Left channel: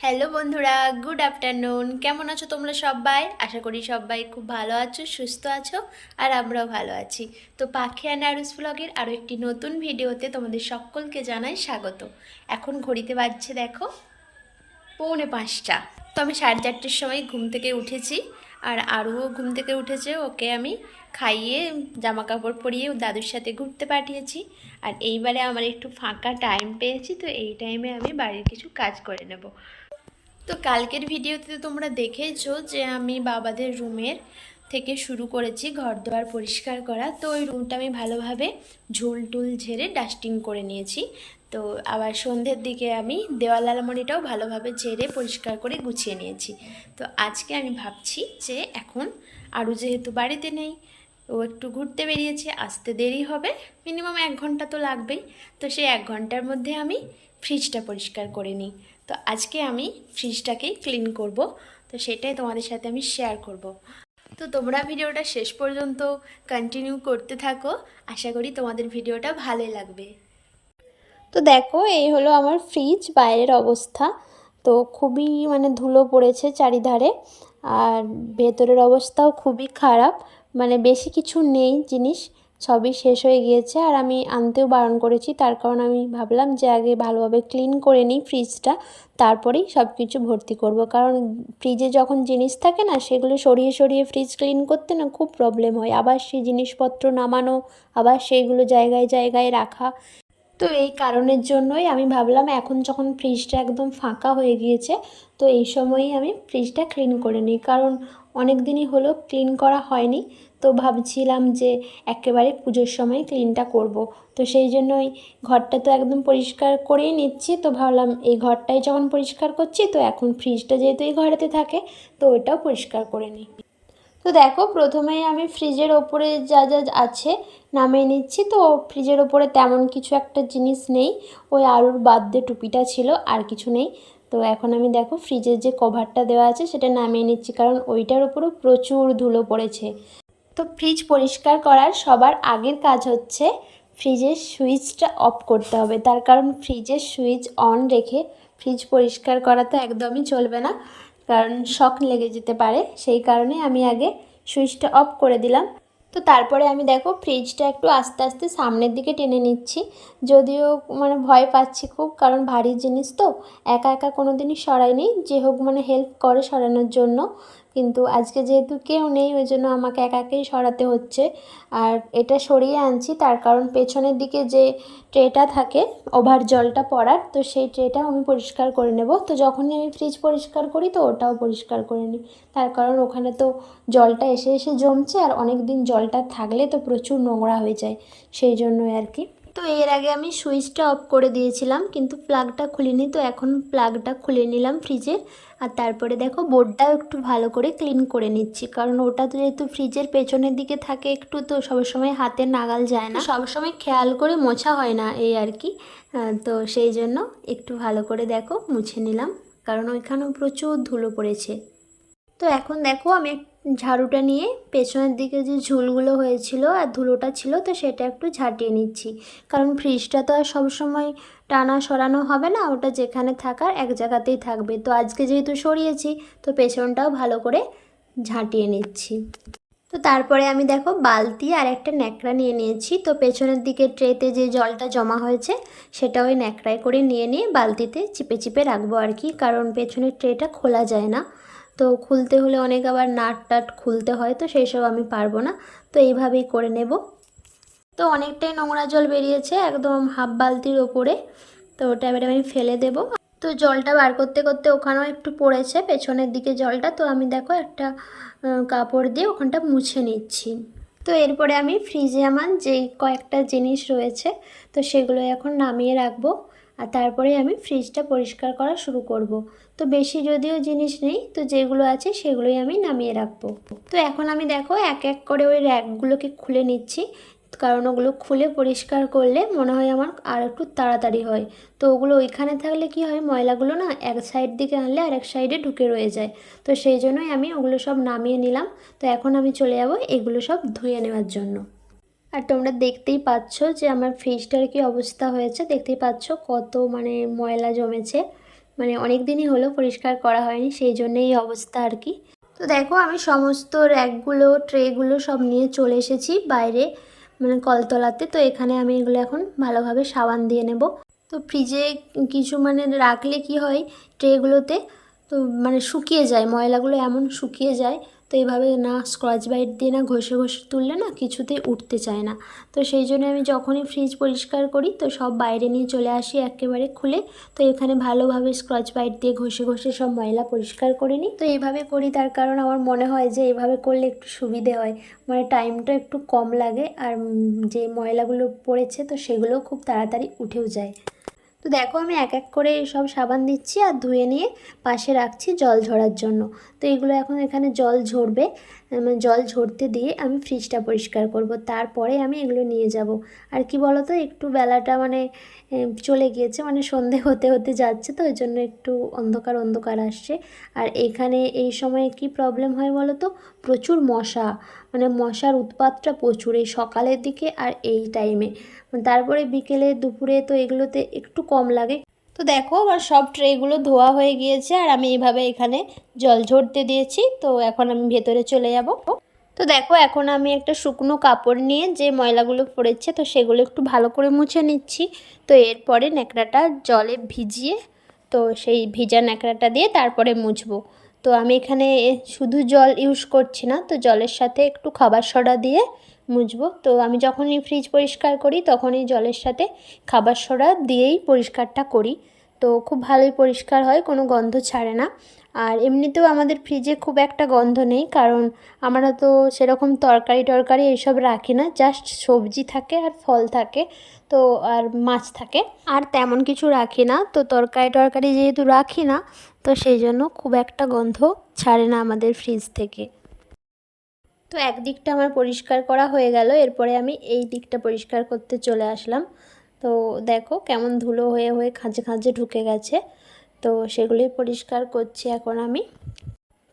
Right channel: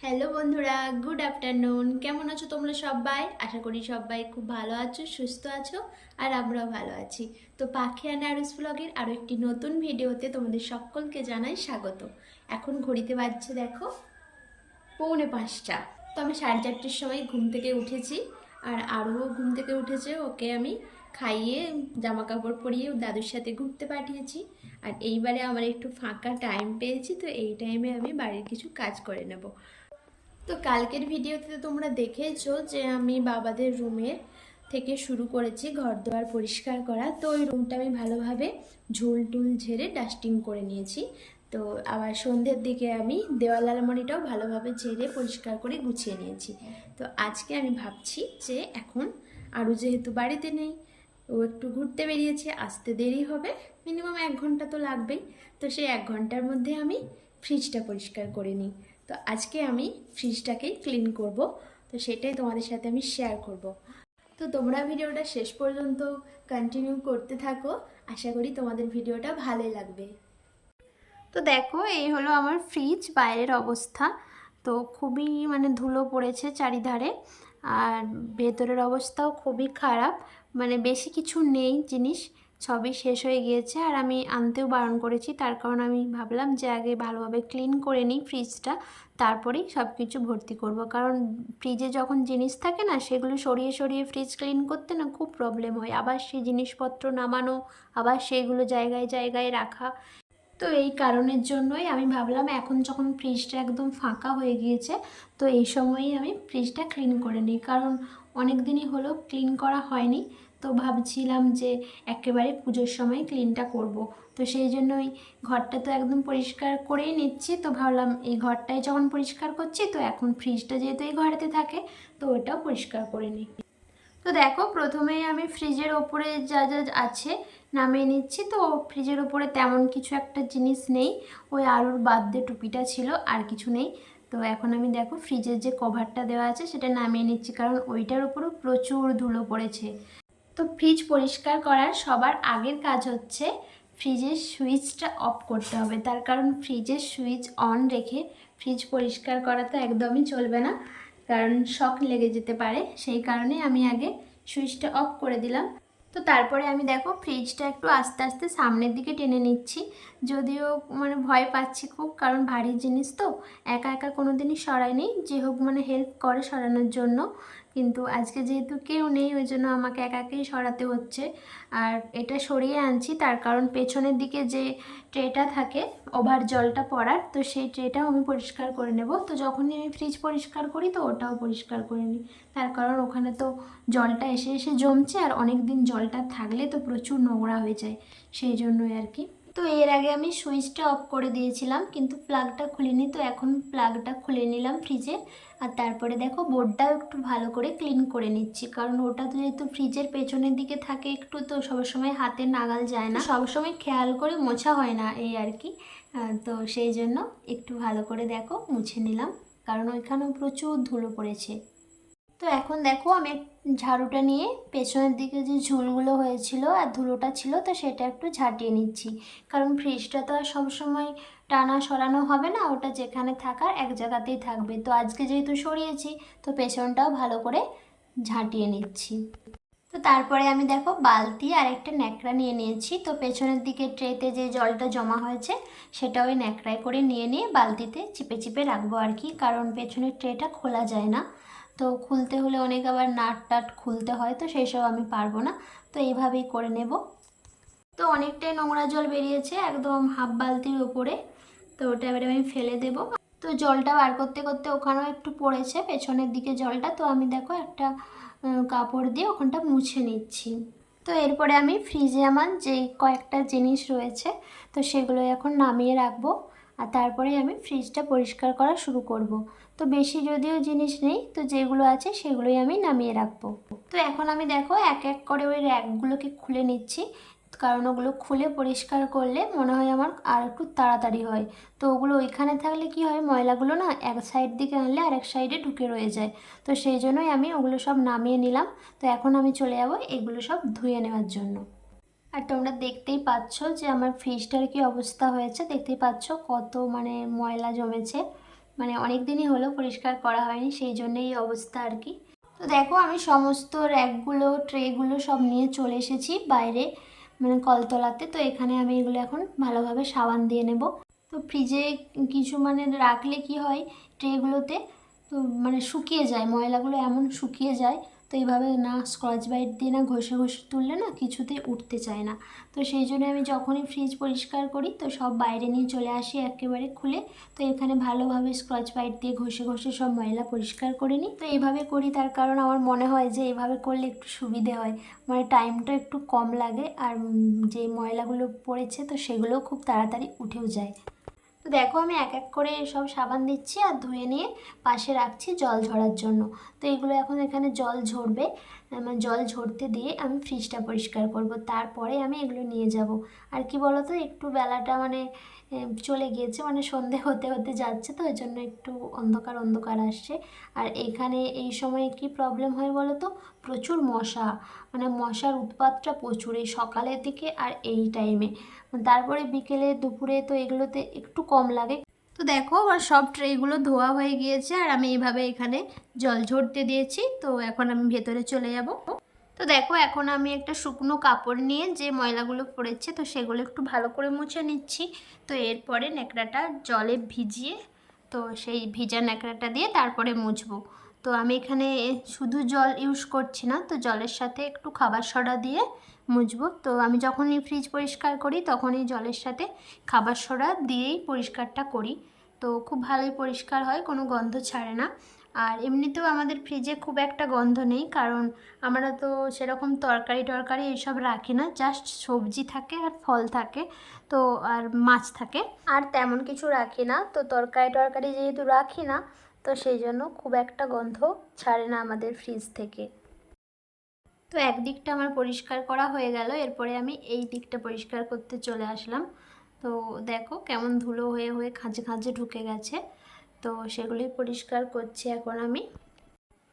Hello বন্ধুরা, good afternoon. কেমন আছো তোমরা সবাই? আশা করি সবাই খুব ভালো আছো, সুস্থ আছো, আর আমরাও ভালো আছি। তো পাখি অ্যান্ড আরুস ব্লগের আরও একটি নতুন ভিডিওতে তোমাদের সকলকে জানাই স্বাগত। এখন ঘড়িতে বাজছে দেখো 4:45। তো আমি 4:30টার সময় ঘুম থেকে উঠেছি, আর আরুও ঘুম থেকে উঠেছে। ওকে আমি খাইয়ে জামা কাপড় পরিয়ে দাদুর সাথে ঘুরতে পাঠিয়েছি। আর এইবারে আমার একটু ফাঁকা টাইম পেয়েছি, তো এই টাইমে আমি বাড়ির কিছু কাজ করে নেব। তো কালকের ভিডিওতে তোমরা দেখেছো যে আমি বাবাদের রুমের থেকে শুরু করেছি ঘর দোয়ার পরিষ্কার করা। তো ওই রুমটা আমি ভালোভাবে ঝুল টুল ঝেড়ে ডাস্টিং করে নিয়েছি। তো আবার সন্ধ্যের দিকে আমি দেওয়াল আলমারিটাও ভালোভাবে ঝেড়ে পরিষ্কার করে গুছিয়ে নিয়েছি। তো আজকে আমি ভাবছি যে এখন আরও যেহেতু বাড়িতে নেই, ও একটু ঘুরতে বেরিয়েছে, আসতে দেরি হবে, মিনিমাম 1 ঘন্টা তো লাগবেই। তো সেই 1 ঘন্টার মধ্যে আমি ফ্রিজটা পরিষ্কার করে নিই। তো আজকে আমি ফ্রিজটাকেই ক্লিন করব, তো সেটাই তোমাদের সাথে আমি শেয়ার করব। তো তোমরা ভিডিওটা শেষ পর্যন্ত কন্টিনিউ করতে থাকো, আশা করি তোমাদের ভিডিওটা ভালোই লাগবে। তো দেখো, এই হলো আমার ফ্রিজ বাইরের অবস্থা। তো খুবই ধুলো পড়েছে চারিধারে, আর ভেতরের অবস্থাও খুবই খারাপ। বেশি কিছু নেই জিনিস, সবই শেষ হয়ে গিয়েছে। আর আমি আনতেও বারণ করেছি, তার কারণ আমি ভাবলাম যে আগে ভালোভাবে ক্লিন করে নিই ফ্রিজটা, তারপরেই সব কিছু ভর্তি করব। কারণ ফ্রিজে যখন জিনিস থাকে না, সেগুলো সরিয়ে সরিয়ে ফ্রিজ ক্লিন করতে না খুব প্রবলেম হয়। আবার সেই জিনিসপত্র নামানো, আবার সেইগুলো জায়গায় জায়গায় রাখা। তো এই কারণের জন্যই আমি ভাবলাম এখন যখন ফ্রিজটা একদম ফাঁকা হয়ে গিয়েছে, তো এই সময়ই আমি ফ্রিজটা ক্লিন করে নিই। কারণ অনেক দিনই হলো ক্লিন করা হয়নি, তো ভাবছিলাম যে একেবারে পুজোর সময় ক্লিনটা করব। তো সেই জন্যই ঘরটা তো একদম পরিষ্কার করেই নিচ্ছি। তো ভাবলাম এই ঘরটাই যখন পরিষ্কার করছি, তো এখন ফ্রিজটা যেহেতু এই ঘরেতে থাকে, তো ওইটাও পরিষ্কার করে নিই। তো দেখো, প্রথমেই আমি ফ্রিজের ওপরে যা যা আছে নামিয়ে নিচ্ছি। তো ফ্রিজের ওপরে তেমন কিছু একটা জিনিস নেই, ওই আলুর বার্থডে টুপিটা ছিল, আর কিছু নেই। তো এখন আমি দেখো ফ্রিজের যে কভারটা দেওয়া আছে সেটা নামিয়ে নিচ্ছি, কারণ ওইটার উপরেও প্রচুর ধুলো পড়েছে। তো ফ্রিজ পরিষ্কার করার সবার আগের কাজ হচ্ছে ফ্রিজের সুইচটা অফ করতে হবে। তার কারণ ফ্রিজের সুইচ অন রেখে ফ্রিজ পরিষ্কার করা তো একদমই চলবে না, কারণ শক লেগে যেতে পারে। সেই কারণে আমি আগে সুইচটা অফ করে দিলাম। তো তারপরে আমি দেখো ফ্রিজটা একটু আস্তে আস্তে সামনের দিকে টেনে নিচ্ছি। যদিও ভয় পাচ্ছি খুব, কারণ ভারী জিনিস তো একা একা কোনো দিনই সরাইনি। যে হোক হেল্প করে সরানোর জন্য, কিন্তু আজকে যেহেতু কেউ নেই, ওই জন্য আমাকে একাকেই সরাতে হচ্ছে। আর এটা সরিয়ে আনছি তার কারণ পেছনের দিকে যে ট্রেটা থাকে ওভার জলটা পড়ার, তো সেই ট্রেটাও আমি পরিষ্কার করে নেব। তো যখনই আমি ফ্রিজ পরিষ্কার করি, তো ওটাও পরিষ্কার করে নিই। তার কারণ ওখানে তো জলটা এসে এসে জমছে, আর অনেক দিন জলটা থাকলে তো প্রচুর নোংরা হয়ে যায়, সেই জন্যই আর কি। তো এর আগে আমি সুইচটা অফ করে দিয়েছিলাম, কিন্তু প্লাগটা খুলিনি। তো এখন প্লাগটা খুলে নিলাম ফ্রিজের। আর তারপরে দেখো বোর্ডটাও একটু ভালো করে ক্লিন করে নিচ্ছি, কারণ ওটা তো যেহেতু ফ্রিজের পেছনের দিকে থাকে একটু, তো সবসময় হাতে নাগাল যায় না, সবসময় খেয়াল করে মোছা হয় না, এই আর কি। তো সেই জন্য একটু ভালো করে দেখো মুছে নিলাম, কারণ ওইখানেও প্রচুর ধুলো পড়েছে। তো এখন দেখো আমি ঝাড়ুটা নিয়ে পেছনের দিকে যে ঝুলগুলো হয়েছিল আর ধুলোটা ছিল, তো সেটা একটু ঝাঁটিয়ে নিচ্ছি। কারণ ফ্রিজটা তো আর সবসময় টানা সরানো হবে না, ওটা যেখানে থাকার এক জায়গাতেই থাকবে। তো আজকে যেহেতু সরিয়েছি, তো পেছনটাও ভালো করে ঝাঁটিয়ে নিচ্ছি। তো তারপরে আমি দেখো বালতি আর একটা ন্যাকড়া নিয়ে নিয়েছি। তো পেছনের দিকে ট্রেতে যে জলটা জমা হয়েছে, সেটা ওই ন্যাকড়ায় করে নিয়ে নিয়ে বালতিতে চিপে চিপে রাখবো আর কি, কারণ পেছনের ট্রেটা খোলা যায় না। তো খুলতে হলে অনেক আবার নাট টাট খুলতে হয়, তো সেই সব আমি পারবো না। তো এইভাবেই করে নেব। তো অনেকটাই নোংরা জল বেরিয়েছে, একদম হাফ বালতির ওপরে। তো ওটা এবারে আমি ফেলে দেব। তো জলটা বার করতে করতে ওখানেও একটু পড়েছে পেছনের দিকে জলটা, তো আমি দেখো একটা কাপড় দিয়ে ওখানটা মুছে নিচ্ছি। তো এরপরে আমি ফ্রিজে আমার যেই কয়েকটা জিনিস রয়েছে, তো সেগুলো এখন নামিয়ে রাখবো। আর তারপরে আমি ফ্রিজটা পরিষ্কার করা শুরু করব। তো বেশি যদিও জিনিস নেই, তো যেগুলো আছে সেগুলোই আমি নামিয়ে রাখবো। তো এখন আমি দেখো এক এক করে ওই র্যাকগুলোকে খুলে নিচ্ছি, কারণ ওগুলো খুলে পরিষ্কার করলে মনে হয় আমার আর একটু তাড়াতাড়ি হয়। তো ওগুলো ওইখানে থাকলে কি হয়, ময়লাগুলো না এক সাইড দিকে আনলে আর এক সাইডে ঢুকে রয়ে যায়। তো সেই জন্যই আমি ওগুলো সব নামিয়ে নিলাম। তো এখন আমি চলে যাব এগুলো সব ধুয়ে নেওয়ার জন্য। আর তোমরা দেখতেই পাচ্ছ যে আমার ফ্রিজটার কি অবস্থা হয়েছে, দেখতেই পাচ্ছ কত ময়লা জমেছে। মানে অনেক দিনই হলো পরিষ্কার করা হয়নি, সেই জন্যই এই অবস্থা আর কি। তো দেখো আমি সমস্ত র্যাকগুলো ট্রেগুলো সব নিয়ে চলে এসেছি বাইরে, মানে কলতলাতে। তো এখানে আমি এগুলো এখন ভালোভাবে সাবান দিয়ে নেব। তো ফ্রিজে কিছু মানে রাখলে কি হয় ট্রেগুলোতে, তো মানে শুকিয়ে যায় ময়লাগুলো, এমন শুকিয়ে যায়। তো এইভাবে না স্কচ ব্রাইট দিয়ে না ঘষে ঘষে তুললে না কিছুতেই উঠতে চায় না। তো সেই জন্য আমি যখনই ফ্রিজ পরিষ্কার করি তো সব বাইরে নিয়ে চলে আসি একেবারে খুলে। তো এখানে ভালোভাবে স্কচ ব্রাইট দিয়ে ঘষে ঘষে সব ময়লা পরিষ্কার করে নিই। তো এইভাবে করি তার কারণ আমার মনে হয় যে এইভাবে করলে একটু সুবিধে হয়, মানে টাইমটা একটু কম লাগে, আর যে ময়লাগুলো পড়েছে তো সেগুলোও খুব তাড়াতাড়ি উঠেও যায়। তো দেখো আমি এক এক করে সব সাবান দিচ্ছি আর ধুয়ে নিয়ে পাশে রাখছি জল ঝরার জন্য। তো এগুলো এখন এখানে জল ঝরবে, মানে জল ঝরতে দিয়ে আমি ফ্রিজটা পরিষ্কার করব, তারপরে আমি এগুলো নিয়ে যাব। আর কি বলো তো, একটু বেলাটা মানে চলে গিয়েছে, মানে সন্ধে হতে হতে যাচ্ছে, তো ওই জন্য একটু অন্ধকার অন্ধকার আসছে। আর এইখানে এই সময় কি প্রবলেম হয় বলো তো, প্রচুর মশা, মানে মশার উৎপাতটা প্রচুর এই সকালের দিকে আর এই টাইমে। তারপরে বিকেলে দুপুরে তো এগুলোতে একটু কম লাগে। তো দেখো আমার সব ট্রেগুলো ধোয়া হয়ে গিয়েছে আর আমি এইভাবে এখানে জল ঝরতে দিয়েছি। তো এখন আমি ভেতরে চলে যাব। তো দেখো এখন আমি একটা শুকনো কাপড় নিয়ে যে ময়লাগুলো পড়েছে তো সেগুলো একটু ভালো করে মুছে নিচ্ছি। তো এরপরে ন্যাকড়াটা জলে ভিজিয়ে, তো সেই ভিজা ন্যাকড়াটা দিয়ে তারপরে মুছবো। তো আমি এখানে শুধু জল ইউজ করছি না, তো জলের সাথে একটু খাবার সোডা দিয়ে মুছবো। তো আমি যখনই ফ্রিজ পরিষ্কার করি তখনই জলের সাথে খাবার সোডা দিয়েই পরিষ্কারটা করি। তো খুব ভালোই পরিষ্কার হয়, কোনো গন্ধ ছাড়ে না। আর এমনিতেও আমাদের ফ্রিজে খুব একটা গন্ধ নেই, কারণ আমরা তো সেরকম তরকারি টরকারি এইসব রাখি না, জাস্ট সবজি থাকে আর ফল থাকে, তো আর মাছ থাকে, আর তেমন কিছু রাখি না। তো তরকারি টরকারি যেহেতু রাখি না, তো সেই জন্য খুব একটা গন্ধ ছাড়ে না আমাদের ফ্রিজ থেকে। তো একদিকটা আমার পরিষ্কার করা হয়ে গেল, এরপরে আমি এই দিকটা পরিষ্কার করতে চলে আসলাম। তো দেখো কেমন ধুলো হয়ে হয়ে খাঁজে খাঁজে ঢুকে গেছে, তো সেগুলোই পরিষ্কার করছি এখন আমি।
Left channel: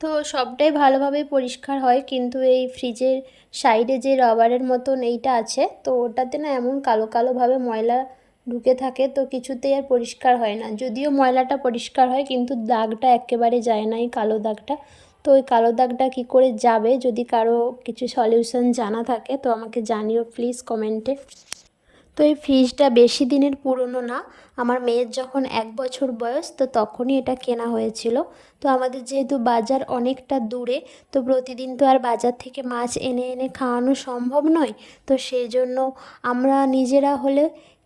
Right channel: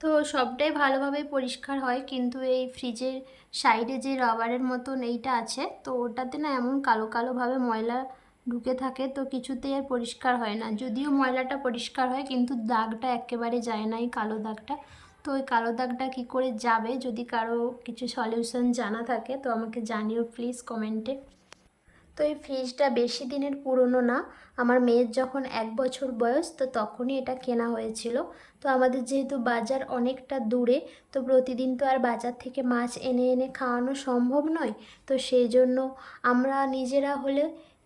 তো সবটাই ভালোভাবেই পরিষ্কার হয়, কিন্তু এই ফ্রিজের সাইডে যে রাবারের মতন এইটা আছে, তো ওটাতে না এমন কালো কালোভাবে ময়লা ঢুকে থাকে, তো কিছুতেই আর পরিষ্কার হয় না। যদিও ময়লাটা পরিষ্কার হয় কিন্তু দাগটা একেবারে যায় না, এই কালো দাগটা। তো ওই কালো দাগটা কী করে যাবে, যদি কারো কিছু সলিউশন জানা থাকে তো আমাকে জানিও প্লিজ কমেন্টে। তো এই ফ্রিজটা বেশি দিনের পুরনো না, আমার মেয়ের যখন 1 বছর বয়স তো তখনই এটা কেনা হয়েছিল। তো আমাদের যেহেতু বাজার অনেকটা দূরে, তো প্রতিদিন তো আর বাজার থেকে মাছ এনে এনে খাওয়ানো সম্ভব নয়। তো সেই জন্য আমরা নিজেরা হলে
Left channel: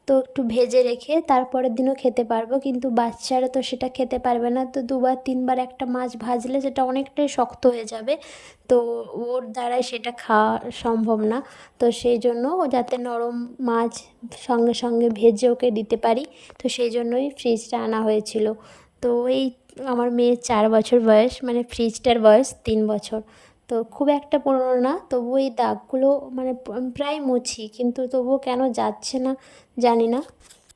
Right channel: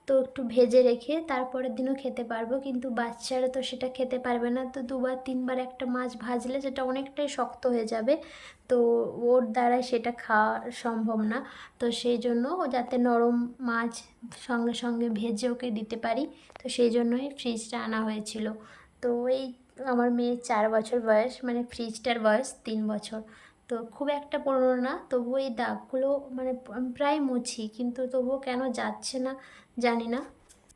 তো একটু ভেজে রেখে তারপরের দিনও খেতে পারবো, কিন্তু বাচ্চারা তো সেটা খেতে পারবে না। তো 2 বার 3 বার একটা মাছ ভাজলে সেটা অনেকটাই শক্ত হয়ে যাবে, তো ওর দ্বারাই সেটা খাওয়া সম্ভব না। তো সেই জন্য যাতে নরম মাছ সঙ্গে সঙ্গে ভেজে ওকে দিতে পারি, তো সেই জন্যই ফ্রিজটা আনা হয়েছিল। তো এই আমার মেয়ের 4 বছর বয়স, মানে ফ্রিজটার বয়স 3 বছর। তো খুব একটা পুরনো না, তবুও এই দাগগুলো মানে প্রায় মুছি, কিন্তু তবুও কেন যাচ্ছে না জানি না।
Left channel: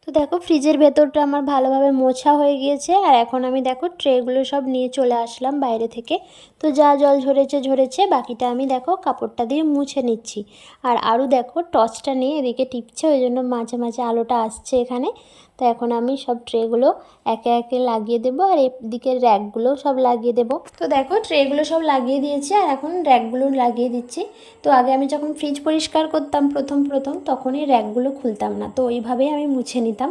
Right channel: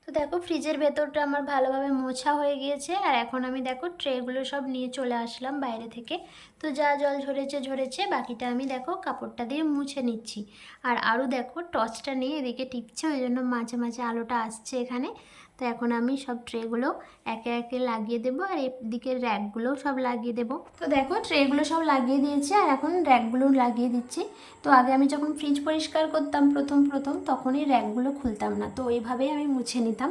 তো দেখো ফ্রিজের ভেতরটা আমার ভালোভাবে মোছা হয়ে গিয়েছে, আর এখন আমি দেখো ট্রেগুলো সব নিয়ে চলে আসলাম বাইরে থেকে। তো যা জল ঝরেছে ঝরেছে, বাকিটা আমি দেখো কাপড়টা দিয়ে মুছে নিচ্ছি। আর আরও দেখো টর্চটা নিয়ে এদিকে টিপছে, ওই জন্য মাঝে মাঝে আলোটা আসছে এখানে। তো এখন আমি সব ট্রেগুলো একে একে লাগিয়ে দেবো, আর এদিকের র্যাকগুলোও সব লাগিয়ে দেবো। তো দেখো ট্রেগুলো সব লাগিয়ে দিয়েছি আর এখন র্যাকগুলো লাগিয়ে দিচ্ছি। তো আগে আমি যখন ফ্রিজ পরিষ্কার করতাম প্রথম প্রথম, তখন এই র্যাকগুলো খুলতাম না, তো ওইভাবেই আমি মুছে নিতাম,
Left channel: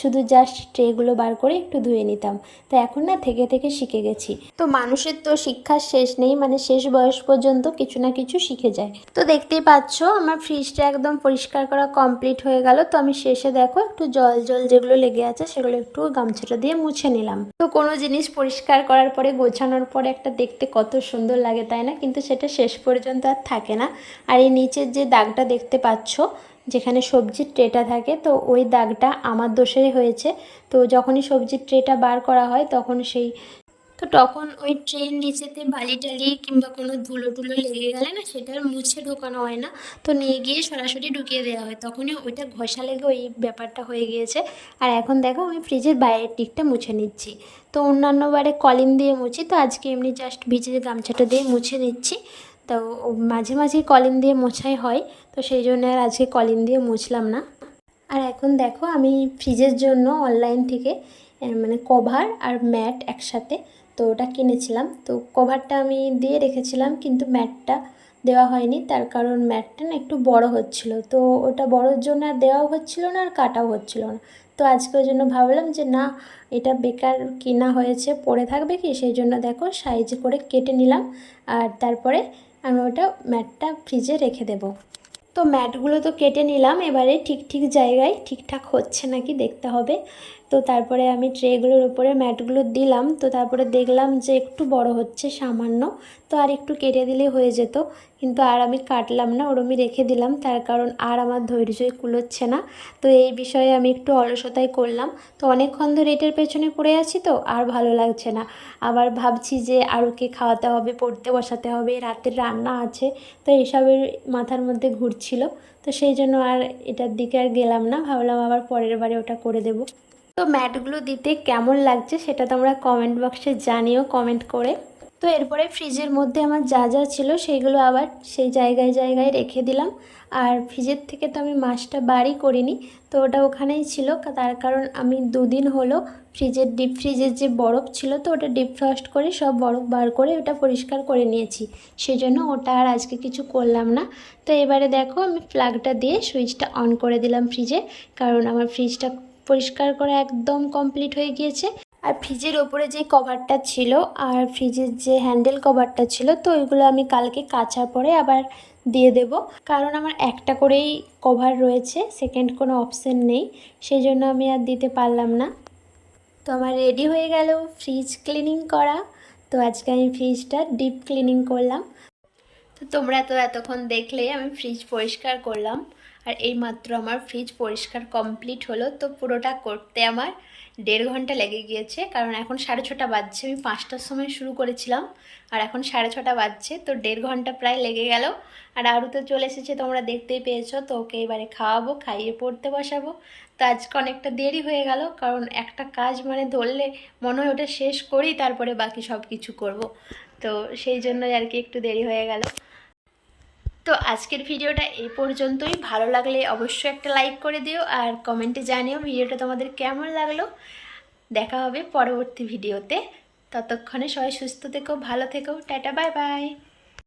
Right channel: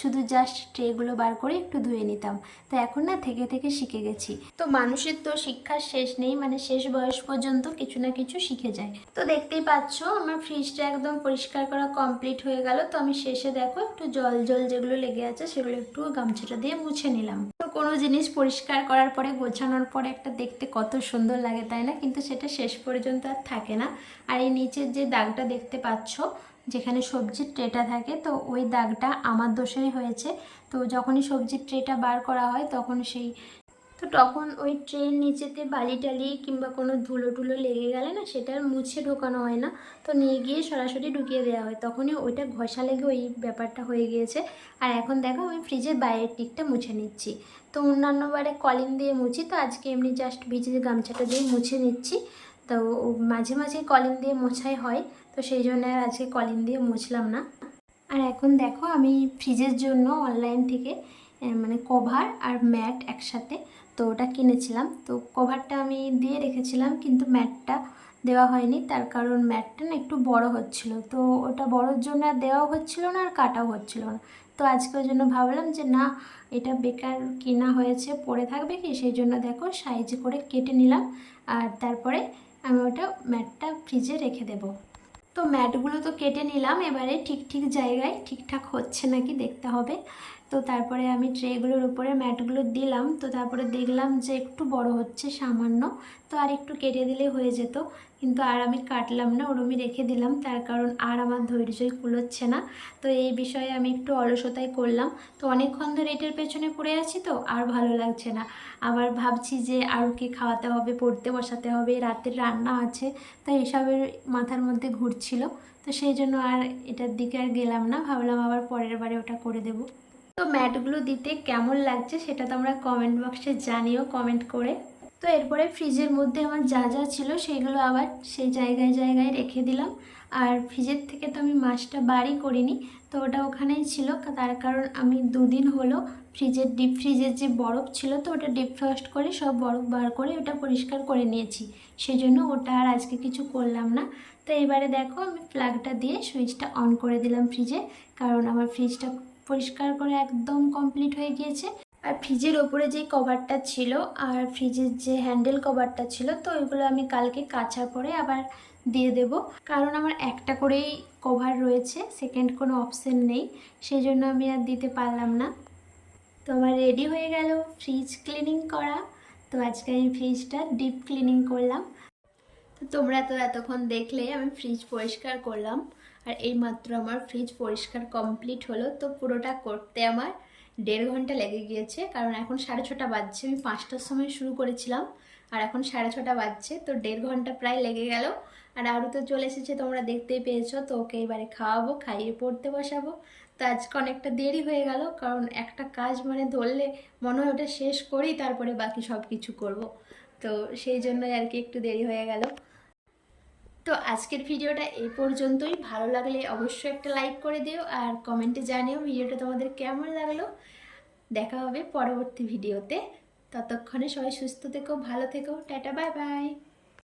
শুধু জাস্ট ট্রেগুলো বার করে একটু ধুয়ে নিতাম। তো এখন না থেকে থেকে শিখে গেছি। তো মানুষের তো শিক্ষার শেষ নেই, মানে শেষ বয়স পর্যন্ত কিছু না কিছু শিখে যায়। তো দেখতেই পাচ্ছ আমার ফ্রিজটা একদম পরিষ্কার করা কমপ্লিট হয়ে গেল। তো আমি শেষে দেখো একটু জল জল যেগুলো লেগে আছে সেগুলো একটু গামছাটা দিয়ে মুছে নিলাম। তো কোনো জিনিস পরিষ্কার করার পরে গোছানোর পরে একটা দেখতে কত সুন্দর লাগে তাই না, কিন্তু সেটা শেষ পর্যন্ত আর থাকে না। আর এই নিচের যে দাগটা দেখতে পাচ্ছ, যেখানে সবজির ট্রেটা থাকে, তো ওই দাগটা আমার দোষেই হয়েছে। তো যখনই সবজির ট্রেটা বার করা হয় তখন ওই ট্রের নিচেতে বালি টালি কিংবা কোনো ধুলো টুলো লেগে গেলে না সেটা আর মুছে ঢোকানো হয় না, তো নিয়ে গিয়ে সরাসরি ঢুকিয়ে দেওয়া হয়, তখনই ওইটা ঘষা লেগে ওই ব্যাপারটা হয়ে গিয়েছে। আর এখন দেখো আমি ফ্রিজের বাইরের দিকটা মুছে নিচ্ছি। তো অন্যান্য বারে কলিন দিয়ে মুছি, তো আজকে এমনি জাস্ট ভিজে গামছাটা দিয়ে মুছে নিচ্ছি। তো মাঝে মাঝে কলিন দিয়ে মোছাই হয়, তো সেই জন্য আর আজকে কলিন দিয়ে মুছলাম না। আর এখন দেখো আমি ফ্রিজের জন্য অনলাইন থেকে মানে কভার আর ম্যাট একসাথে, তো ওটা কিনেছিলাম। তো কভারটা আমি দিয়ে রেখেছিলাম কিন্তু ম্যাটটা দেওয়া হয়নি, তার কারণ ম্যাটটা না একটু বড় হচ্ছিল, তো ওটা বড়োর জন্য আর দেওয়াও হচ্ছিল না আর কাটাও হচ্ছিল না। তো আজকে ওই জন্য ভাবলাম যে না, এটা বেকার কিনা হয়েছে, পড়ে থাকবে কি, সেই জন্য দেখো সাইজ করে কেটে নিলাম। আর তারপরে আমি ওটা ম্যাটটা ফ্রিজে রেখে দেবো। তো ম্যাটগুলো তো কেটে নিলাম, এবারে ঠিক ঠিক জায়গায় ঠিকঠাক হচ্ছে নাকি দেখতে হবে। তো তারপরে আমি ট্রেগুলোর উপরে ম্যাটগুলো দিলাম, তো তারপরে দেখলাম যে একটু বড় হচ্ছে সামান্য, তো আর একটু কেটে দিলেই হয়ে যেত, কিন্তু আর আমি কাটলাম না, ওরমই রেখে দিলাম, তার কারণ আর আমার ধৈর্যই কুলোচ্ছে না। তো এই বিষয়ে আমি একটু অলসতাই করলাম। তো অনেকক্ষণ ধরে এটার পেছনে পড়ে আছি, তো আর ভালো লাগছে না। আবার ভাবছি যে আরুকে খাওয়াতে হবে, পড়তে বসাতে হবে, রাতের রান্না আছে, তো এসবের মাথার মধ্যে ঘুরছিল। তো সেই জন্য আর এটার দিকে আর গেলাম না, ভাবলাম আবার পরের বারে ওটা করে দেব। তো ম্যাটগুলো দিতে কেমন লাগছে সেটা তোমরা কমেন্ট বক্সে জানিও কমেন্ট করে। তো এরপরে ফ্রিজের মধ্যে আমার যা যা ছিল সেইগুলো আবার সেই জায়গায় জায়গায় রেখে দিলাম। আর ফ্রিজের থেকে তো আমি মাছটা বারই করিনি, তো ওটা ওখানেই ছিল, তার কারণ আমি দুদিন হলো ডিপ ফ্রিজের যে বরফ ছিল, তো ওটা ডিপ ফ্রস্ট করে সব বরফ বার করে ওটা পরিষ্কার করে নিয়েছি, সেই জন্য ওটা আর আজকে কিছু করলাম না। তো এবারে দেখো আমি প্লাগটা দিয়ে সুইচটা অন করে দিলাম ফ্রিজে, কারণ আমার ফ্রিজটা পরিষ্কার করা একদম কমপ্লিট হয়ে গিয়েছে। আর ফ্রিজের ওপরে যে কভারটা ছিল আর ফ্রিজের যে হ্যান্ডেল কভারটা ছিল, তো ওইগুলো আমি কালকে কাচার পরে আবার দিয়ে দেব, কারণ আমার একটা করেই কভার রয়েছে, সেকেন্ড কোনো অপশন নেই, সেই জন্য আমি আর দিতে পারলাম না। তো আমার রেডি হয়ে গেল ফ্রিজ ক্লিনিং করা। তো আজকে আমি ফ্রিজটা ডিপ ক্লিনিং করলাম। তো তোমরা তো এতক্ষণ দেখলে আমি ফ্রিজ পরিষ্কার করলাম, আর এইমাত্র আমার ফ্রিজ পরিষ্কার কমপ্লিট হলো। তো পুরোটা করতে আমার 1.5 ঘন্টা লেগে গিয়েছে, কারণ এখন 6:30 বাজছে, আমি 5টার সময় শুরু করেছিলাম আর এখন 6:30 বাজছে, তো 1.5 ঘন্টা প্রায় লেগে গেল। আর আরও তো চলে এসেছে, তোমরা দেখতেই পেয়েছো, তো ওকে এবারে খাওয়াবো, খাইয়ে পড়তে বসাবো। তো আজকে অনেকটা দেরি হয়ে গেল, কারণ একটা কাজ মানে ধরলে মনে হয় ওটা শেষ করি তারপরে বাকি সব কিছু করব, তো সেই জন্যই আর কি একটু দেরি হয়ে গেল। তো আজকের ভিডিওটা এই পর্যন্তই, ভালো লাগলে অবশ্যই একটা লাইক করে দিও আর কমেন্টে জানিও ভিডিওটা তোমাদের কেমন লাগলো। দেখা হবে পরবর্তী ভিডিওতে, ততক্ষণে সবাই সুস্থ থেকো, ভালো থেকো, টাটা, বাই বাই।